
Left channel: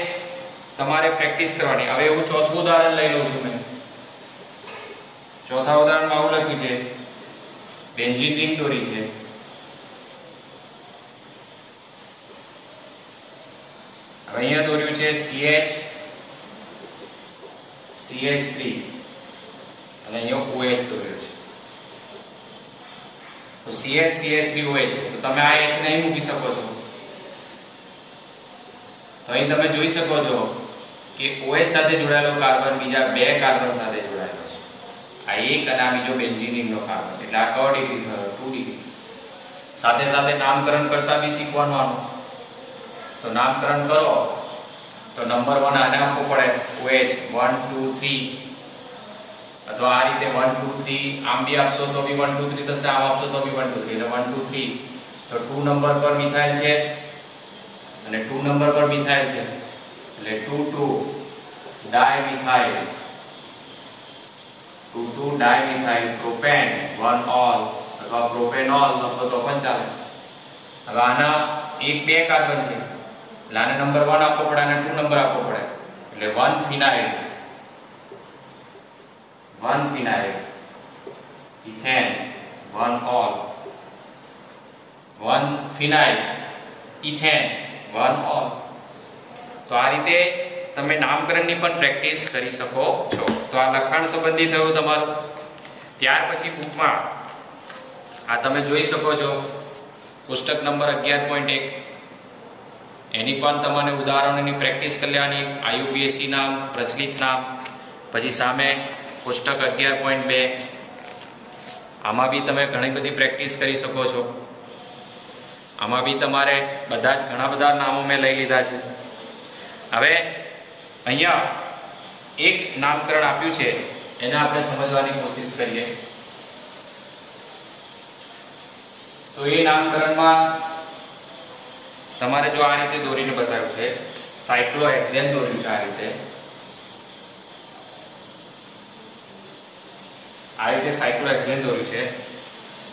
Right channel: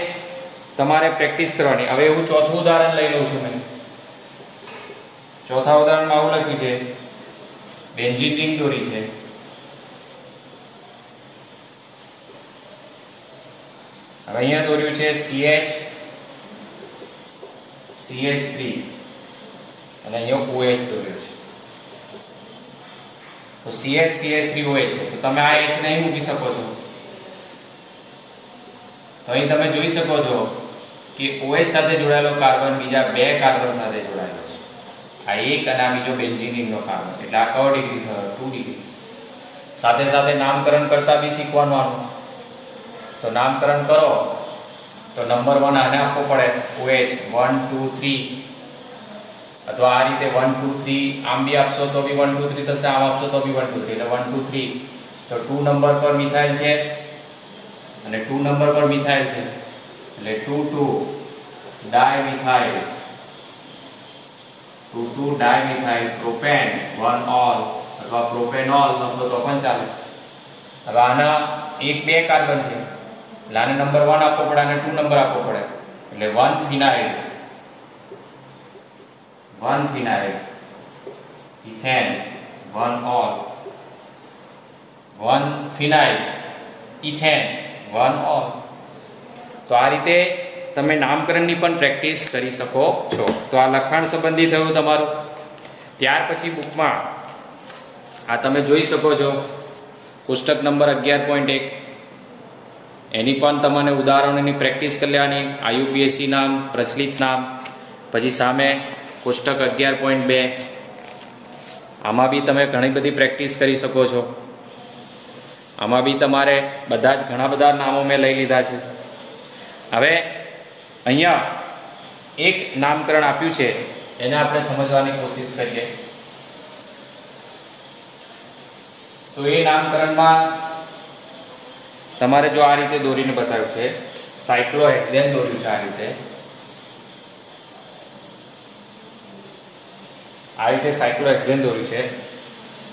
તમારે પ્રેક્ટિસ કરવાની. હવે હું ચોથું ઉદાહરણ લઈ લઉં છું. મેં ચોથા ઉદાહરણમાં આવું લખ્યું છે બેન્ઝીન રિંગ દોરી છે. હવે અહીંયા દોર્યું છે CH CH3 અને અહીંયા OH દોર્યું છે. તો CH CH3 OH છે. તો તમે આ H ને અહીં મૂકી શકો છો. તો અહીં તમે જોઈ શકો છો કે OH સાથે જોડાયેલો કાર્બન બીજા 2 કાર્બન સાથે જોડાયેલો છે. આ એક અને આ બીજો બેન્ઝીન રિંગનો કાર્બન. એટલે આ કયો ડિગ્રી થયો? 2 ડિગ્રી. સાથે સાથે નામકરણ કરતા બી શીખવાનું આનું. તો નામકરણ કરો તો નંબર 1 આને આપવો પડે OH 1 2 3, અથવા આ રીતે 1 2 3 આમ બી આપશો તો બી 1 2 3 થશે, આમ આપશો તો બી 1 2 3, એટલે 1 2 3. તો 2 નંબર પર મિથાઇલ છે અને 2 નંબર પર મિથાઇલ છે, એટલે 2 2 ડાયમિથાઇલ, 2 2 ડાયમિથાઇલ પ્રોપેન 1 ઓલ, અથવા પ્રોપેનોલ લખો તો પણ ચાલે. હવે આના 1 2 કાર્બન છે એટલે આને નંબર 1 આપવો પડે અને 2 નંબર આપવો પડે, એટલે 1 ફિનાઇલ, 1 ફિનાઇલ ઇથેન 1 ઓલ, 1 ફિનાઇલ ઇથેન 1 ઓલ. તો આ રીતે તમે નામકરણની પણ પ્રેક્ટિસ કરી શકો છો. તો આ લખાણ સંબંધી થયું તમારું. ત્યાર પછી બુકમાં આ તમે જોઈ શકો છો પુસ્તક નંબર 11.1 એની પણ તમને ઉદાહરણોની પ્રેક્ટિસ કરી લેવાની. IUPAC નામ, પ્રચલિત નામ, પછી સામે પુસ્તક 11.2 આમાં બી તમે ઘણી બધી પ્રેક્ટિસ કરી શકો છો. આમાં બી તમારે બધા જ ઘણા બધા નામો મેં લઈ લીધા છે. હવે અહીંયા એક નામકરણ આપ્યું છે એને આપણે સમજવાની કોશિશ કરીએ. તો એ નામકરણમાં તમારે જો આ રીતે દોરીને બતાવ્યું છે સાયક્લોહેક્સેન દોર્યું છે આ રીતે સાયક્લોહેક્સેન દોર્યું છે.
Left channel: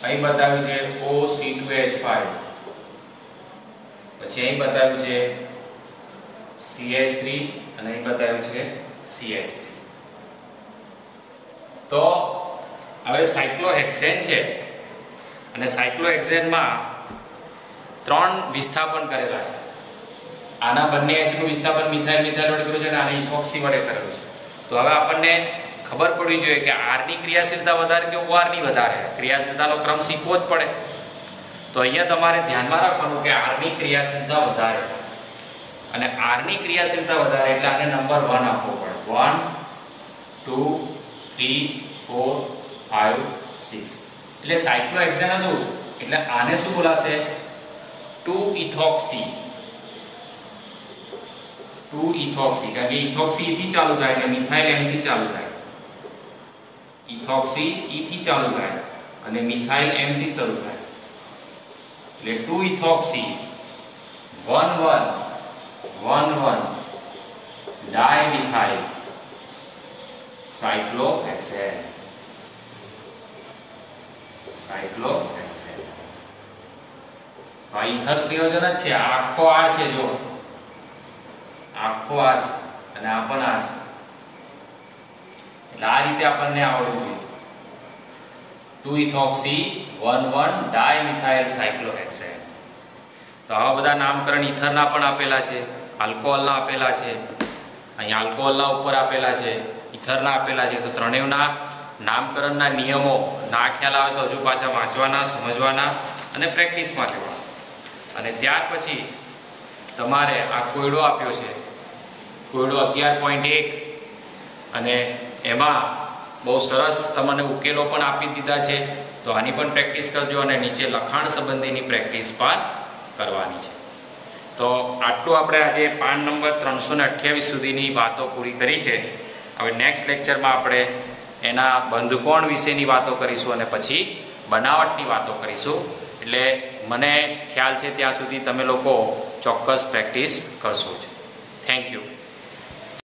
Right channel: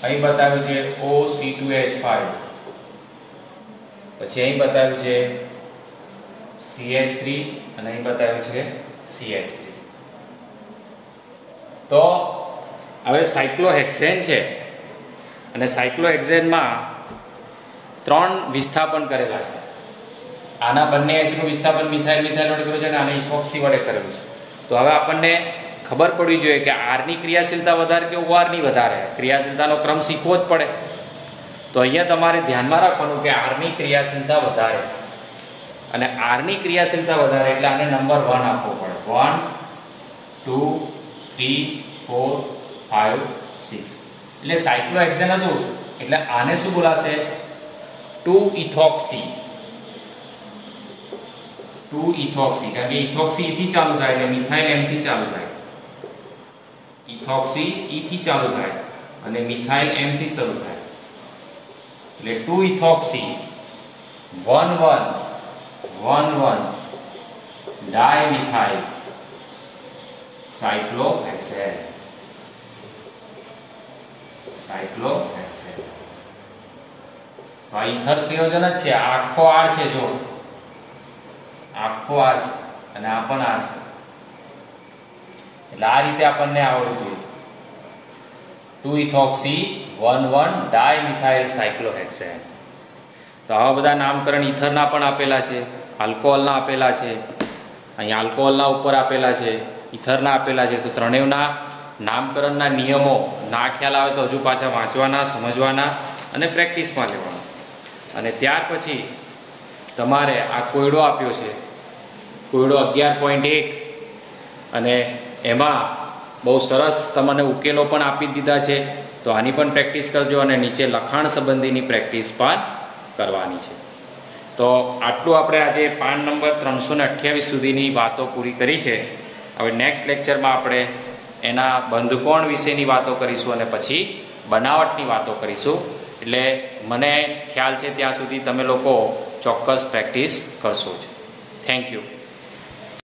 અહીં બતાવ્યું છે OC2H5, પછી અહીં બતાવ્યું છે CH3 અને અહીં બતાવ્યું છે CH3. તો હવે સાયક્લોહેક્સેન છે અને સાયક્લોહેક્સેનમાં 3 વિસ્થાપન કરેલા છે. આના બંને H નું વિસ્થાપન મિથાઇલ મિથાઇલ વડે કર્યું છે અને આને ઇથોક્સી વડે કરેલું છે. તો હવે આપણને ખબર પડવી જોઈએ કે R ની ક્રિયાશીલતા વધારે કે OR ની વધારે. ક્રિયાશીલતાનો ક્રમ શીખવો જ પડે. તો અહીંયા તમારે ધ્યાનમાં રાખવાનું કે R ની ક્રિયાશીલતા વધારે, અને R ની ક્રિયાશીલતા વધારે એટલે આને નંબર 1 આપવો પડે. 1 2 3 4 5 6. એટલે સાયક્લોહેક્સેન હતું એટલે આને શું બોલાશે? 2-ઇથોક્સી. 2-ઇથોક્સી, કારણ કે ઇથોક્સી થી ચાલુ થાય એટલે મિથાઇલ M થી ચાલુ થાય. ઇથોક્સી E થી ચાલુ થાય અને મિથાઇલ M થી શરૂ થાય. એટલે 2-ઇથોક્સી 1,1,1,1 ડાયમિથાઇલ સાયક્લોહેક્સેન. સાયક્લોહેક્સેન આ ઇથર સંયોજન જ છે. આખો R છે, જો આખો R છે અને આ પણ R છે. એટલે આ રીતે આપણને આવડવું જોઈએ. 2-ઇથોક્સી 1,1 ડાયમિથાઇલ સાયક્લોહેક્સેન. તો આવા બધા નામકરણ ઇથરના પણ આપેલા છે, આલ્કોહોલના આપેલા છે, અહીં આલ્કોહોલના ઉપર આપેલા છે, ઇથરના આપેલા છે. તો ત્રણેયના નામકરણના નિયમો ના ખ્યાલ આવે તો હજુ પાછા વાંચવાના, સમજવાના અને પ્રેક્ટિસમાં લેવાના. અને ત્યાર પછી તમારે આ કોયડો આપ્યો છે, કોયડો 11.1, અને એમાં બહુ સરસ તમને ઉકેલો પણ આપી દીધા છે. તો આની પણ પ્રેક્ટિસ કરજો અને નીચે લખાણ સંબંધીની પ્રેક્ટિસ પણ કરવાની છે. તો આટલું આપણે આજે પાન નંબર 328 સુધીની વાતો પૂરી કરી છે. હવે નેક્સ્ટ લેક્ચરમાં આપણે એના બંધકોણ વિશેની વાતો કરીશું અને પછી બનાવટની વાતો કરીશું. એટલે મને ખ્યાલ છે ત્યાં સુધી તમે લોકો ચોક્કસ પ્રેક્ટિસ કરશો જ. Thank you.